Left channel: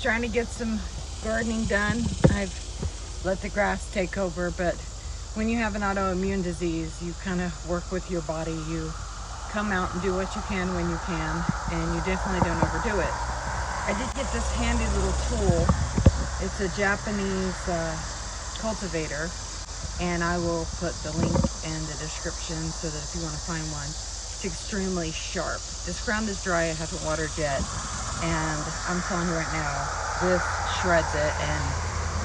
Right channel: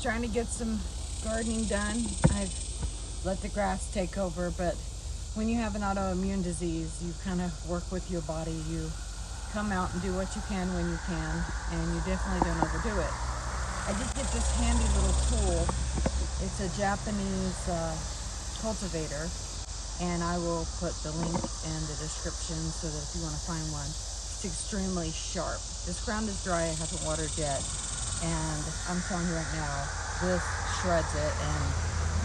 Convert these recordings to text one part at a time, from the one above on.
just trying to get some gardening done. I've let the grass take over, but when you have an autoimmune disease, you kind of work with your body. You come out and do what you can when you can, and you definitely don't overdo it. I did get this handy little tool. It's a Japanese cultivator, and I will put the link in the description so that if you want to find one. It's extremely sharp. This ground is dry, I haven't watered yet, and I'm telling you right now, this shreds it. And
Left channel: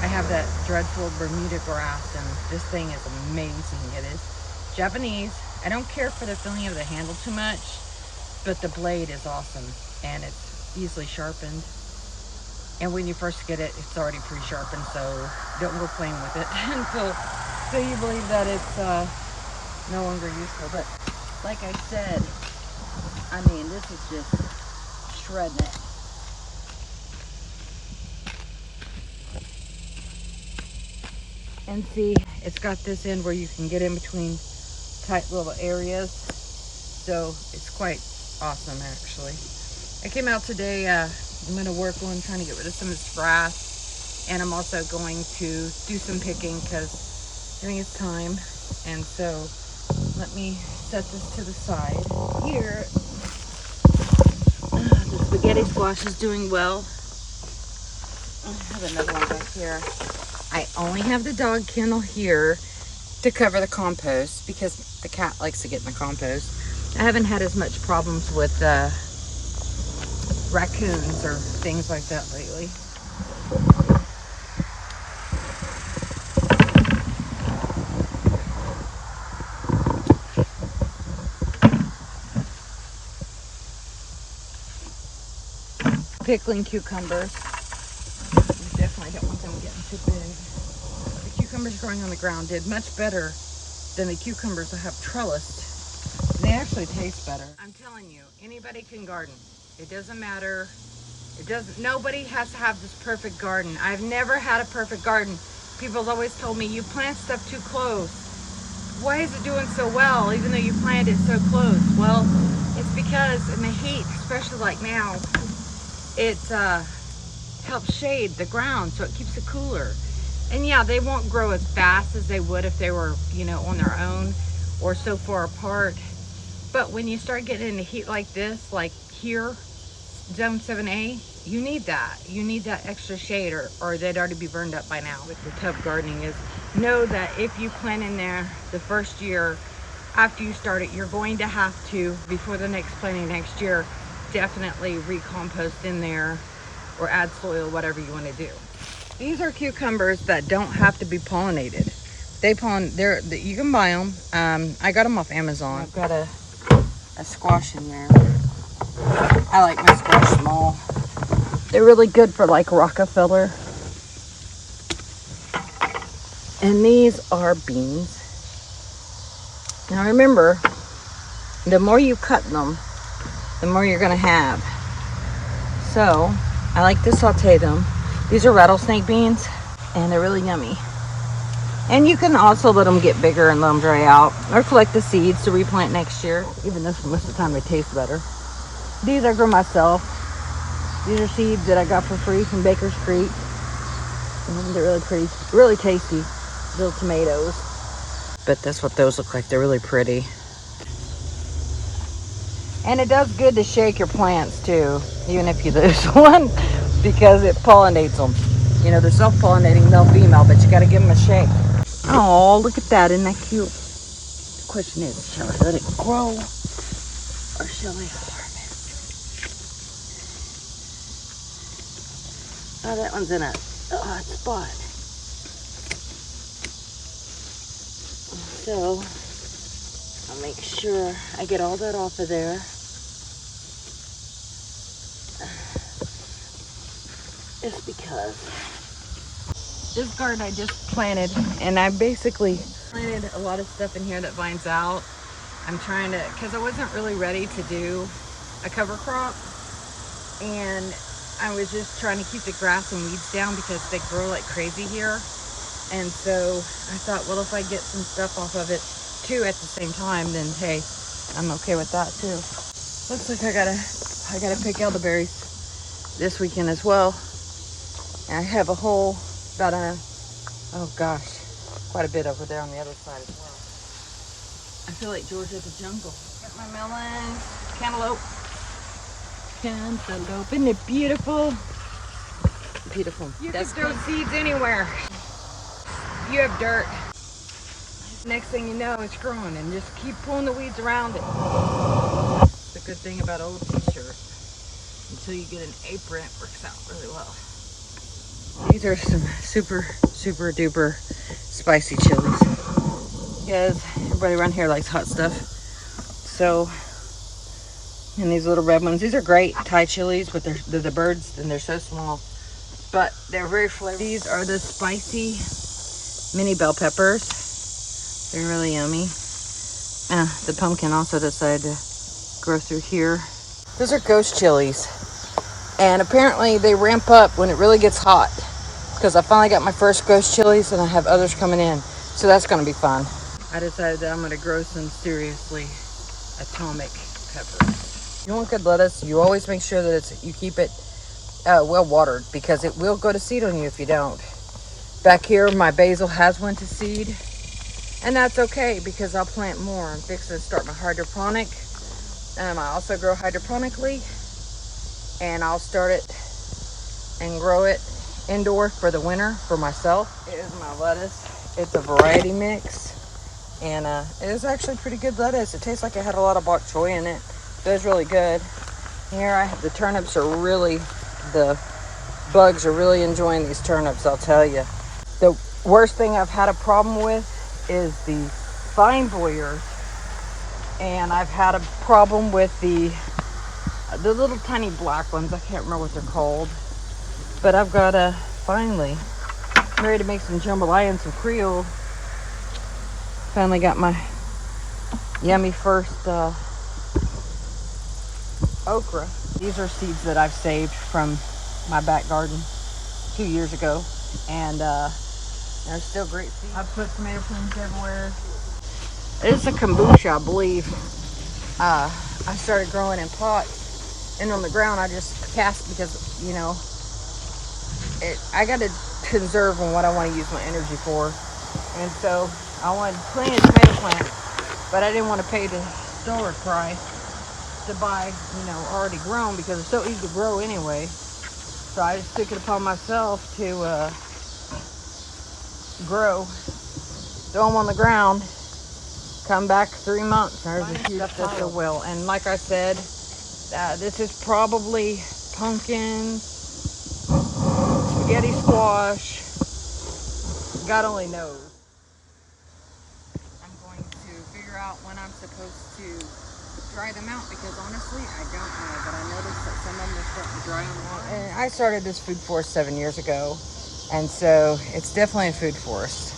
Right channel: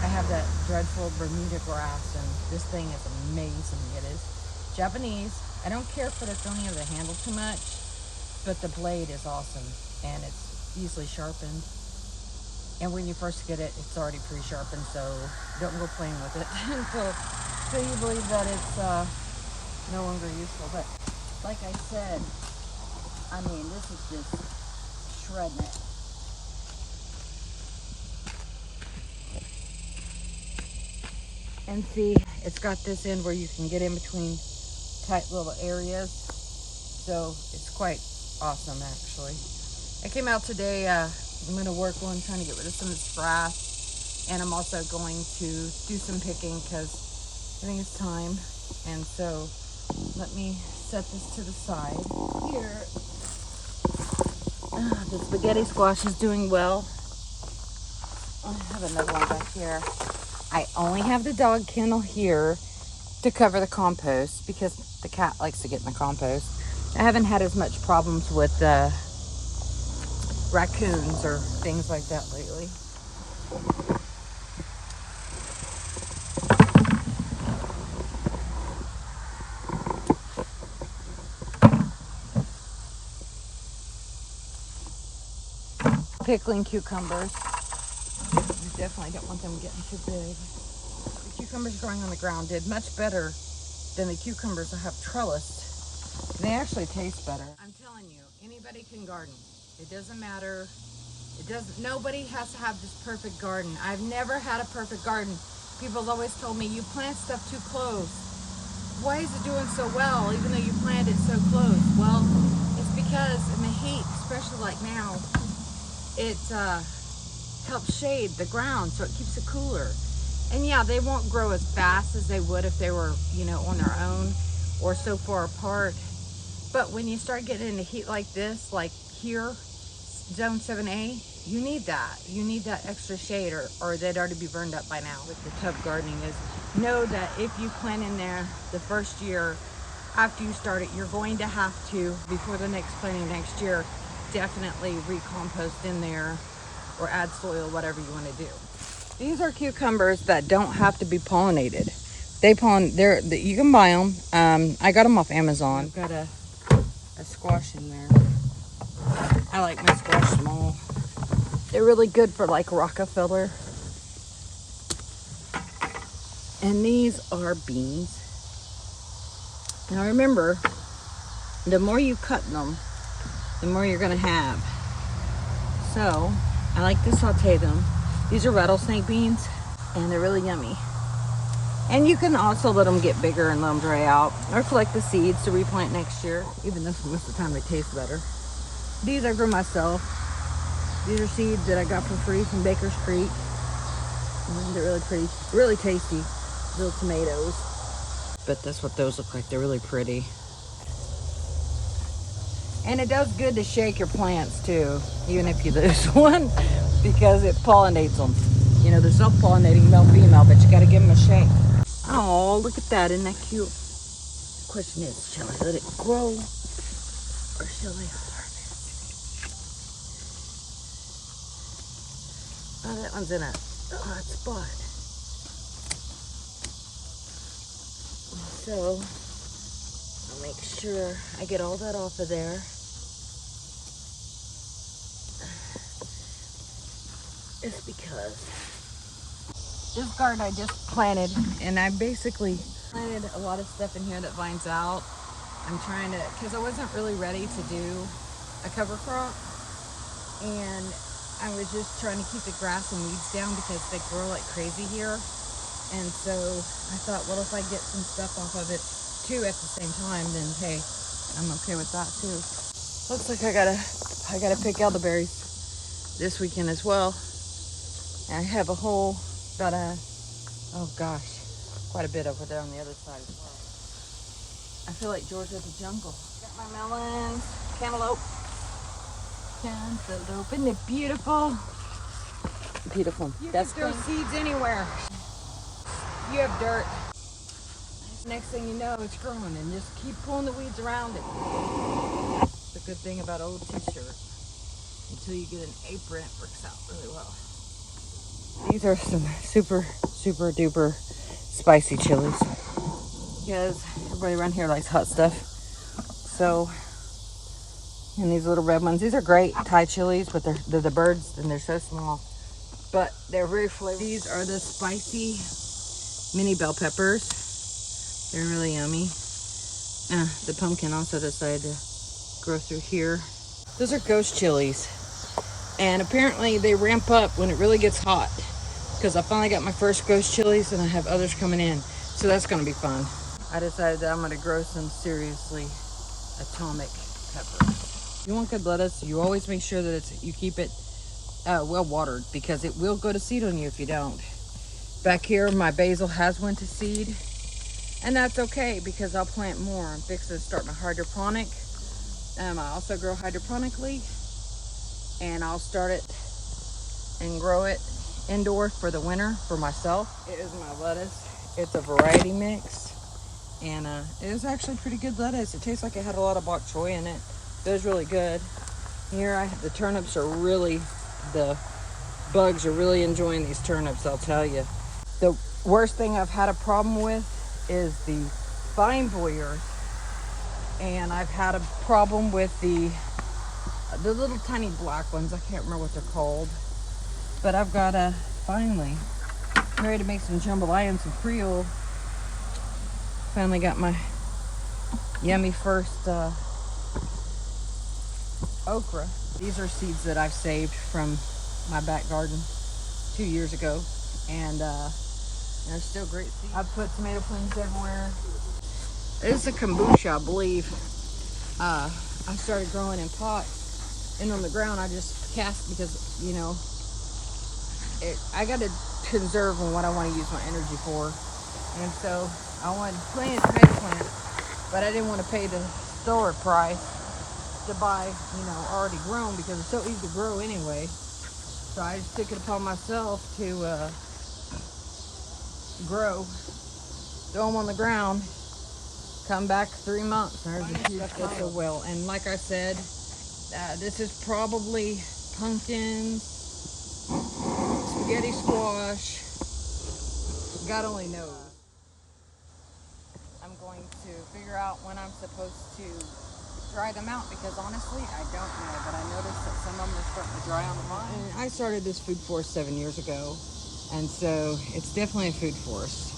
I have that dreadful Bermuda grass, and this thing is amazing. It is Japanese. I don't care for the feeling of the handle too much, but the blade is awesome, and it's easily sharpened. And when you first get it, it's already pre-sharpened, so don't go playing with it until you believe that it's no longer useful. But like I said, I mean, this is just shredding it. And see, it's got this end where you can get in between tight little areas. So it's quite awesome, actually. I came out today, I'm going to work on trying to get rid of some of this grass. And I'm also going to do some picking because I think it's time. And so let me set this to the side. Here, the spaghetti squash is doing well. I have another one back here. I only have the dog kennel here to cover the compost because the cat likes to get in the compost. I haven't had as much problems with raccoons or things like that lately. Pickling cucumbers. You definitely don't want them getting too big. The cucumbers growing on the ground did much better than the cucumbers I have trellised. They actually taste better. I'm telling you, anybody can garden. It doesn't matter. Nobody has to have this perfect garden. I've never had a perfect garden. People's always told me, you plant stuff too close. Why is it doing so well even though you planted it so close? Well, it's because in the heat, especially like now, it helps shade the ground, so it keeps it cooler. And yeah, they won't grow as fast as they would if they were, you know, on their own or so far apart. But when you start getting into heat like this, like here, zone 7A, you need that. You need that extra shade, or they'd already be burned up by now. With the tub gardening is, know that if you plant in there the first year after you start it, you're going to have to, before the next planting next year, definitely recompost in there or add soil, whatever you want to do. These are cucumbers that don't have to be pollinated. You can buy them. I got them off Amazon. I've got a squash in there. I like my squash small. They're really good for like Rockefeller. And these are beans. Now remember, the more you cut them, the more you're gonna have. So I like to saute them. These are rattlesnake beans, and they're really yummy. And you can also let them get bigger and let them dry out, or collect the seeds to replant next year. Even this one, most of the time they taste better. These I grow myself. These are seeds that I got for free from Baker's Creek. And they're really pretty, really tasty. Little tomatoes. But that's what those look like. They're really pretty. And it does good to shake your plants too, even if you lose one, because it pollinates them. You know, they're self-pollinating, male, female, but you gotta give them a shake. Oh, look at that, isn't that cute? The question is, shall I let it grow, or shall I harm it? Oh, that one's in a hot spot. So, I'll make sure I get all that off of there. Just because. This garden I just planted, and I basically planted a lot of stuff in here that vines out. I'm trying to, because I wasn't really ready to do a cover crop, and I was just trying to keep the grass and weeds down because they grow like crazy here. And so I thought, well, if I get some stuff off of it too at the same time, then hey, I'm okay with that too. Looks like I gotta pick elderberries this weekend as well. And I have a whole, about a, oh gosh, quite a bit over there on the other side as well. I feel like Georgia the jungle. Got my melons, cantaloupe. Cantaloupe, isn't it beautiful? Beautiful. You can throw seeds anywhere. You have dirt. Next thing you know, it's growing, and just keep pulling the weeds around it. The good thing about old t-shirts, until you get an apron, it works out really well. These are some super duper spicy chilies. Because everybody around here likes hot stuff. So, and these little red ones, these are great Thai chilies, but they're the birds and they're so small. But they're very flavorful. These are the spicy mini bell peppers. They're really yummy. The pumpkin also decided to grow through here. Those are ghost chilies. And apparently they ramp up when it really gets hot. Because I finally got my first ghost chilies and I have others coming in. So that's going to be fun. I decided that I'm going to grow some seriously atomic peppers. You want good lettuce, you always make sure that you keep it well watered, because it will go to seed on you if you don't. Back here, my basil has went to seed, and that's okay because I'll plant more. I'm fixing to start my hydroponic. I also grow hydroponically, and I'll start it and grow it indoor for the winter for myself. It is my lettuce. It's a variety mix, and it is actually pretty good lettuce. It tastes like it had a lot of bok choy in it. It was really good. Here I have the turnips. The bugs are really enjoying these turnips, I'll tell you. The worst thing I've had a problem with is the vine boyers, and I've had a problem with the little tiny black ones. I can't remember what they're called, but I've got finally, I'm ready to make some jambalaya and some Creole. Finally got my yummy first okra. These are seeds that I've saved from my back garden 2 years ago, and they're still great seeds. I've put tomato plants everywhere. It's a kombucha, I believe. I started growing in pots, and on the ground I just cast because, you know, I got to conserve on what I want to use my energy for. And so I wanted plenty of tomato plants, but I didn't want to pay the store price to buy, you know, already grown, because it's so easy to grow anyway. So I just took it upon myself to grow, throw them on the ground, come back 3 months, and there's a huge stuff so well. And like I said, this is probably pumpkins, spaghetti squash, God only knows. I'm going to figure out when I'm supposed to dry them out, because honestly I don't know, but I noticed that some of them are starting to dry on the vine. And I started this food forest 7 years ago, and so it's definitely a food forest.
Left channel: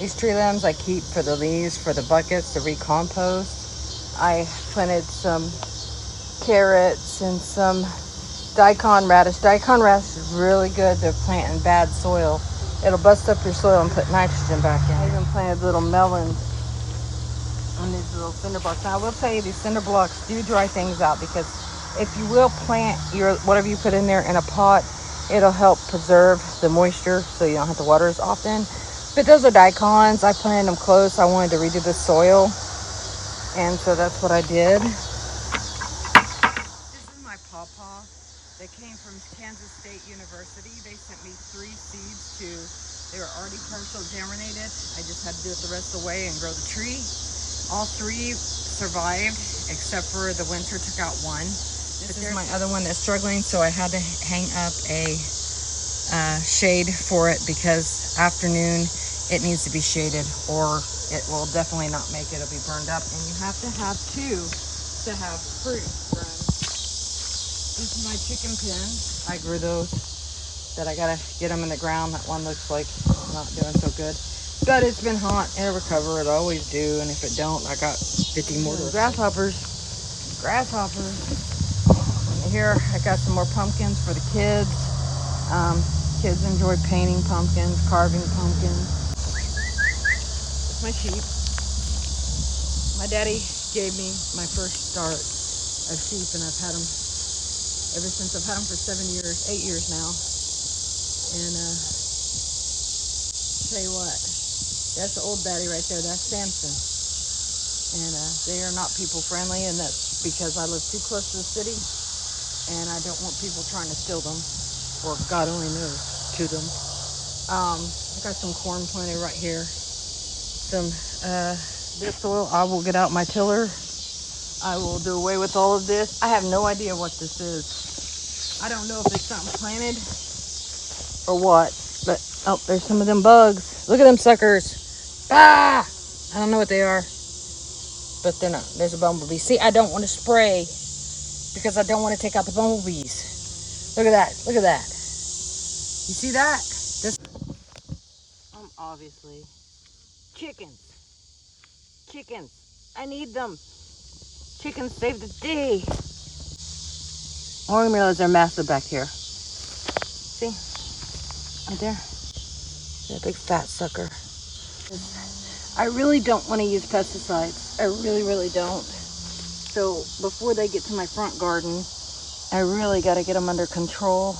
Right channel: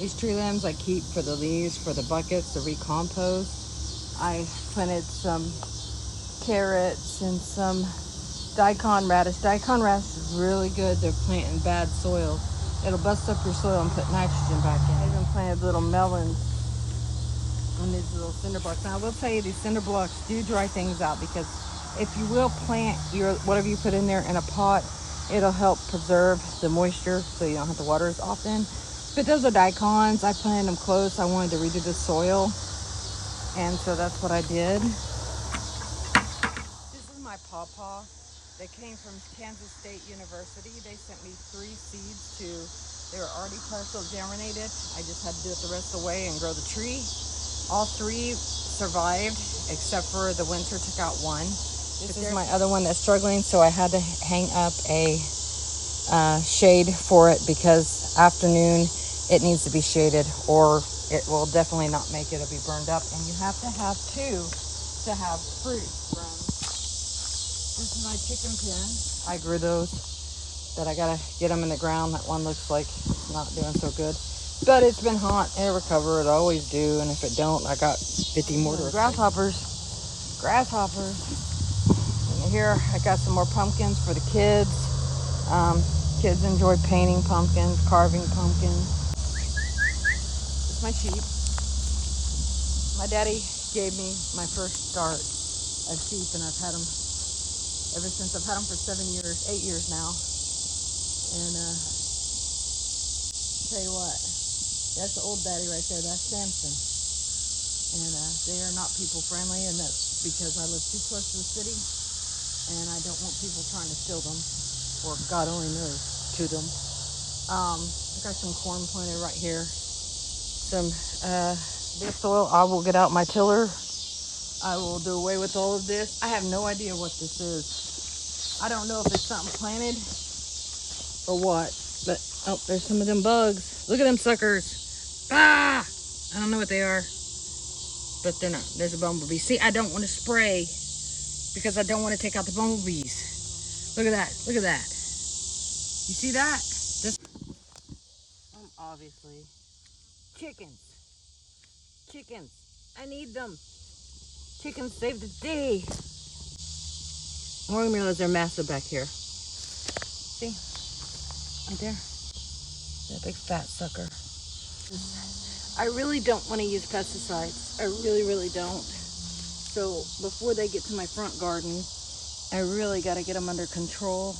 These tree limbs I keep for the leaves, for the buckets to recompost. I planted some carrots and some daikon radish. Daikon radish is really good to plant in bad soil. It'll bust up your soil and put nitrogen back in. I even planted little melons on these little cinder blocks. Now I will tell you, these cinder blocks do dry things out, because if you will plant whatever you put in there in a pot, it'll help preserve the moisture so you don't have to water as often. But those are daikons. I planted them close. I wanted to redo the soil, and so that's what I did. This is my pawpaw. They came from Kansas State University. They sent me 3 seeds they were already partial germinated. I just had to do it the rest of the way and grow the tree. All 3 survived, except for the winter took out 1. This is my other one that's struggling, so I had to hang up a shade for it, because afternoon it needs to be shaded, or it will definitely not make it. It'll be burned up, and you have to have 2 to have fruit. This is my chicken pen. I grew those, but I gotta get them in the ground. That one looks like it's not doing so good. But it's been hot. It'll recover. It'll always do. And if it don't, I got 50 more. Grasshoppers. And here I got some more pumpkins for the kids. Kids enjoy painting pumpkins, carving pumpkins. It's my sheep. My daddy gave me my first start of sheep, and I've had them ever since. I've had them for 8 years now. And tell you what, that's the old daddy right there. That's Samson. And they are not people friendly, and that's because I live too close to the city, and I don't want people trying to steal them, or God only knows, to them. I got some corn planted right here. Some this soil, I will get out my tiller. I will do away with all of this. I have no idea what this is. I don't know if it's something planted or what, but oh, there's some of them bugs. Look at them suckers. Ah! I don't know what they are, but they're not. There's a bumblebee. See, I don't want to spray because I don't want to take out the bumblebees. Look at that. Look at that. You see that? This. Obviously. Chickens. Chickens. I need them. Chickens save the day. I didn't realize they're massive back here. See? Right there. That big fat sucker. I really don't want to use pesticides. I really, really don't. So before they get to my front garden, I really got to get them under control.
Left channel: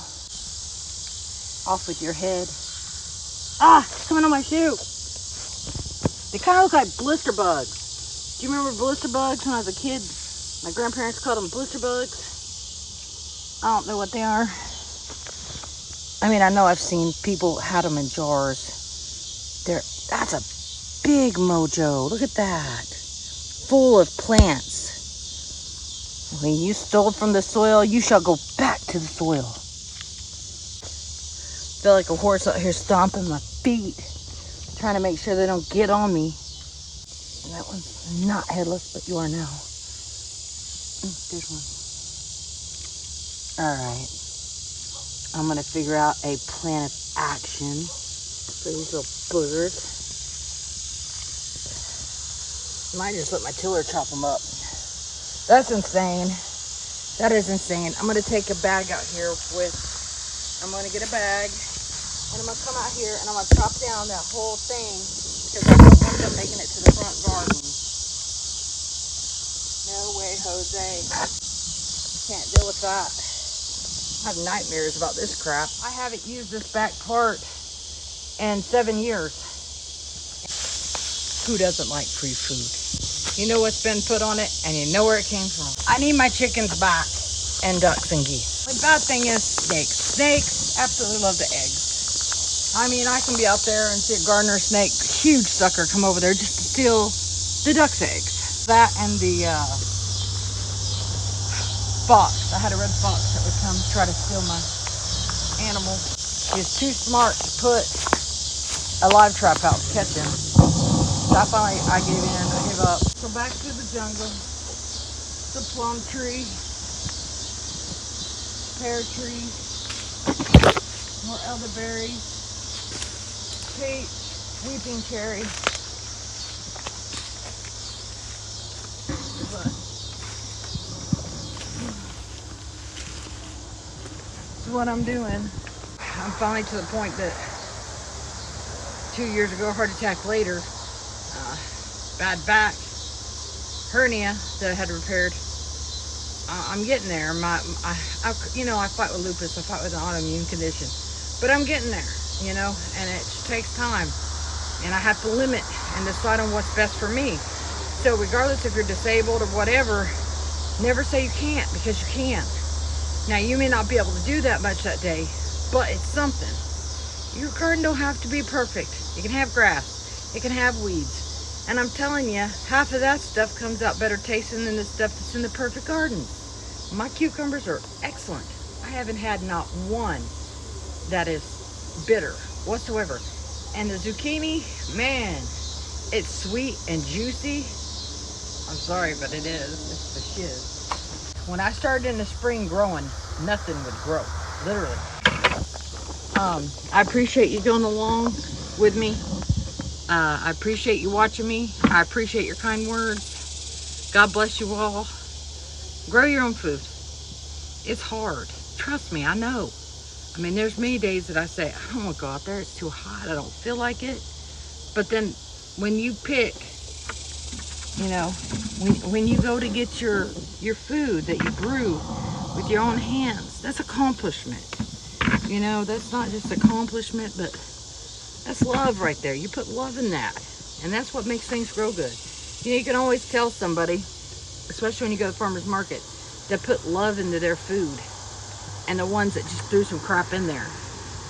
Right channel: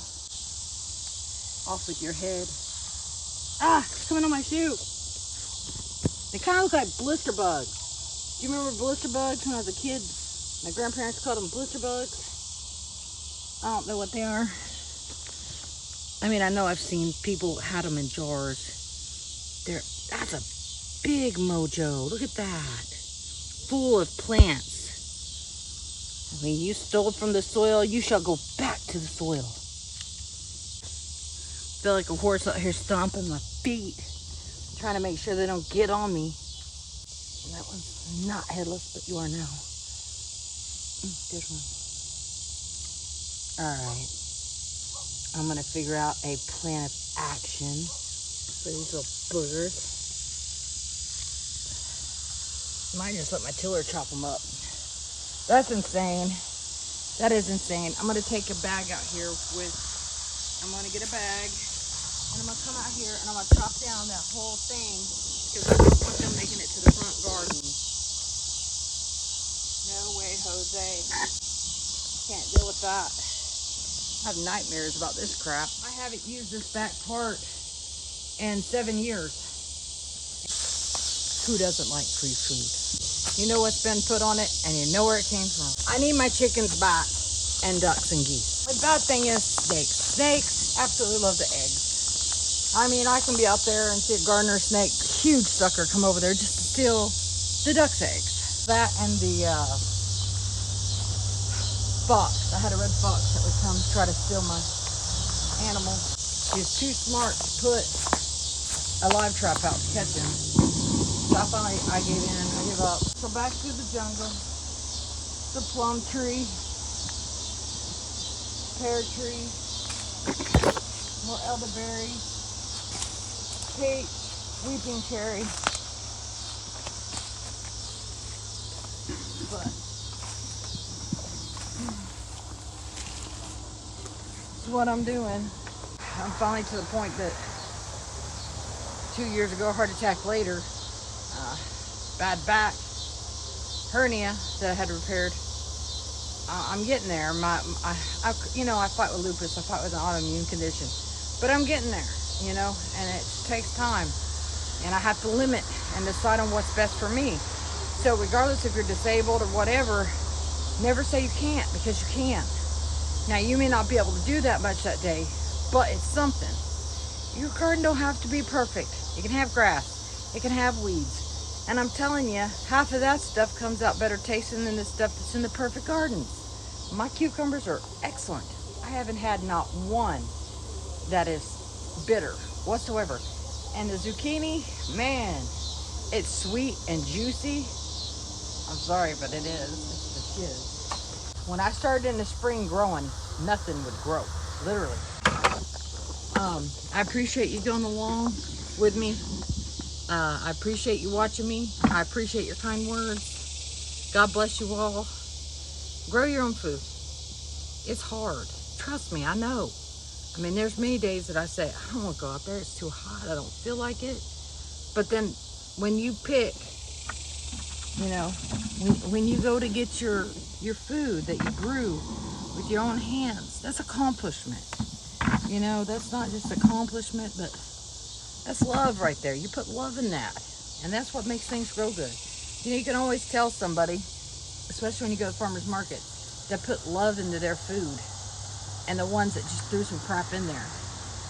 Off with your head. Ah, it's coming on my shoe. They kind of look like blister bugs. Do you remember blister bugs when I was a kid? My grandparents called them blister bugs. I don't know what they are. I mean, I know I've seen people had them in jars. That's a big mojo. Look at that. Full of plants. When you stole from the soil, you shall go back to the soil. Feel like a horse out here stomping my feet, trying to make sure they don't get on me. And that one's not headless, but you are now. There's one. All right. I'm gonna figure out a plan of action for these little boogers. Might just let my tiller chop them up. That's insane. That is insane. I'm gonna take a bag out here I'm gonna get a bag, and I'm gonna come out here and I'm gonna chop down that whole thing because I don't want them making it to the front garden. No way, Jose. Can't deal with that. I have nightmares about this crap. I haven't used this back part in 7 years. Who doesn't like free food? You know what's been put on it, and you know where it came from. I need my chickens back, and ducks and geese. The bad thing is snakes. Snakes absolutely love the eggs. I mean, I can be out there and see a gardener snake, huge sucker, come over there just to steal the duck's eggs. That and the fox. I had a red fox that would come try to steal my animals. He's too smart to put a live trap out to catch him. So I gave in, I gave up. So back to the jungle. The plum tree, pear tree, more elderberries, peach, weeping cherry. This is what I'm doing. I'm finally to the point that 2 years ago, heart attack later, bad back, hernia that I had repaired. I'm getting there. I fight with lupus. I fight with an autoimmune condition, but I'm getting there, and it takes time, and I have to limit and decide on what's best for me. So regardless if you're disabled or whatever, never say you can't, because you can. Now, you may not be able to do that much that day, but it's something. Your garden don't have to be perfect. You can have grass. It can have weeds. And I'm telling you, half of that stuff comes out better tasting than the stuff that's in the perfect garden. My cucumbers are excellent. I haven't had not one that is bitter whatsoever. And the zucchini, man, it's sweet and juicy. I'm sorry, but it is. It's the shiz. When I started in the spring growing, nothing would grow, literally. I appreciate you going along with me. I appreciate you watching me. I appreciate your kind words. God bless you all. Grow your own food. It's hard. Trust me, I know. I mean, there's many days that I say, I don't want to go out there. It's too hot. I don't feel like it. But then when you pick, when you go to get your food that you grew with your own hands, that's accomplishment. You know, that's not just accomplishment, but that's love right there. You put love in that, and that's what makes things grow good. You know, you can always tell somebody, especially when you go to the farmer's market, that put love into their food, and the ones that just threw some crap in there.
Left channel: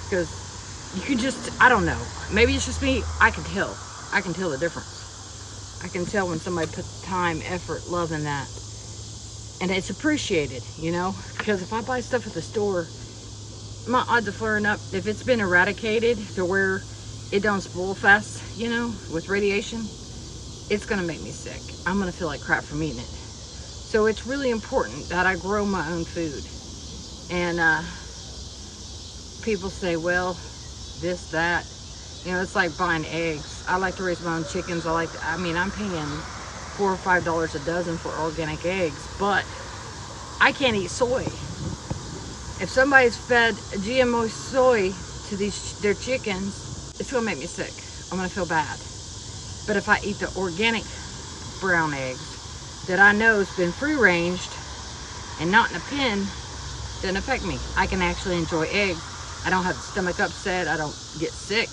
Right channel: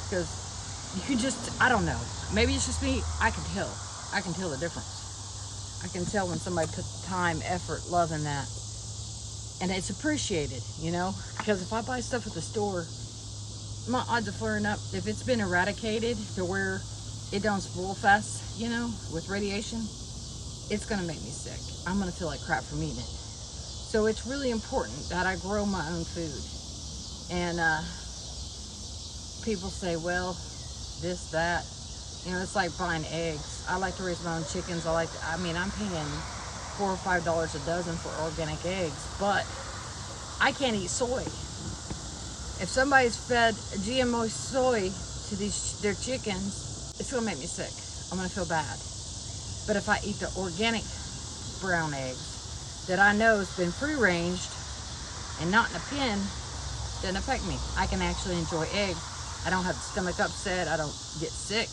Because you can just, I don't know, maybe it's just me, I can tell the difference. I can tell when somebody put time, effort, love in that, and it's appreciated, you know. Because if I buy stuff at the store, my odds of flaring up, if it's been eradicated to where it don't spoil fast, you know, with radiation, it's gonna make me sick. I'm gonna feel like crap from eating it. So it's really important that I grow my own food. And people say, well, this, that, you know, it's like buying eggs. I like to raise my own chickens. I mean, I'm paying $4 or $5 a dozen for organic eggs, but I can't eat soy. If somebody's fed GMO soy to their chickens, it's gonna make me sick. I'm gonna feel bad. But if I eat the organic brown eggs that I know has been free-ranged and not in a pen, doesn't affect me. I can actually enjoy eggs. I don't have the stomach upset. I don't get sick.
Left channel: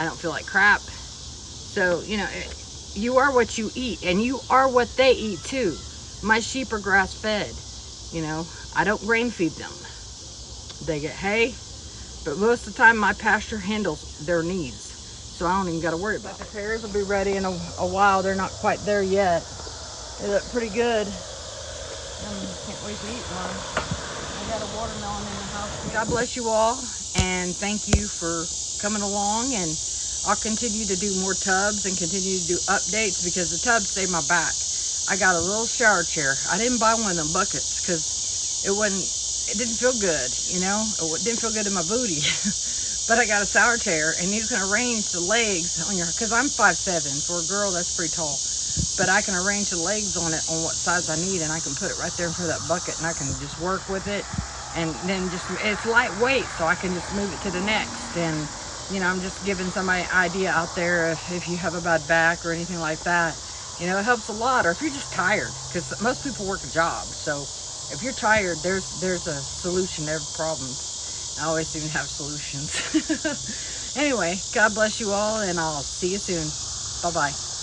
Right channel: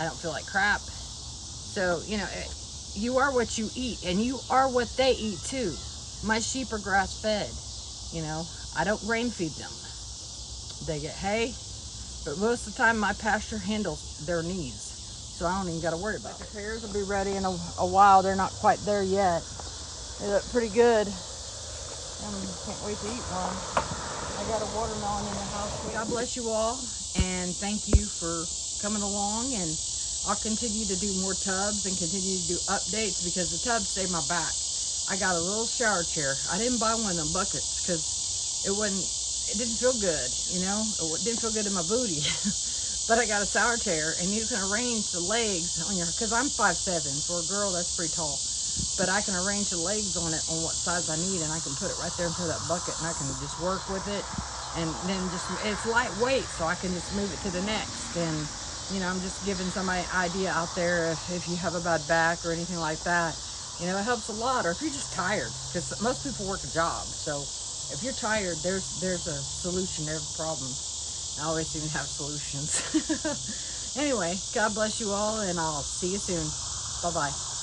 I don't feel like crap. So, you know, you are what you eat, and you are what they eat too. My sheep are grass-fed. You know, I don't grain feed them. They get hay, but most of the time my pasture handles their needs, so I don't even got to worry about it. The pears will be ready in a while. They're not quite there yet. They look pretty good. Can't wait to eat one. I got a watermelon in the house. God bless you all, and thank you for coming along, and I'll continue to do more tubs and continue to do updates because the tubs save my back. I got a little shower chair. I didn't buy one of them buckets because it didn't feel good, you know. It didn't feel good in my booty. But I got a shower chair, and you can arrange the legs on because I'm 5'7". For a girl, that's pretty tall. But I can arrange the legs on it on what size I need, and I can put it right there in front of that bucket, and I can just work with it. And then it's lightweight, so I can just move it to the next. And, you know, I'm just giving somebody an idea out there if you have a bad back or anything like that. You know, it helps a lot. Or if you're just tired, because most people work a job. So if you're tired, there's a solution to every problem. I always seem to have solutions. Anyway, God bless you all, and I'll see you soon. Bye-bye.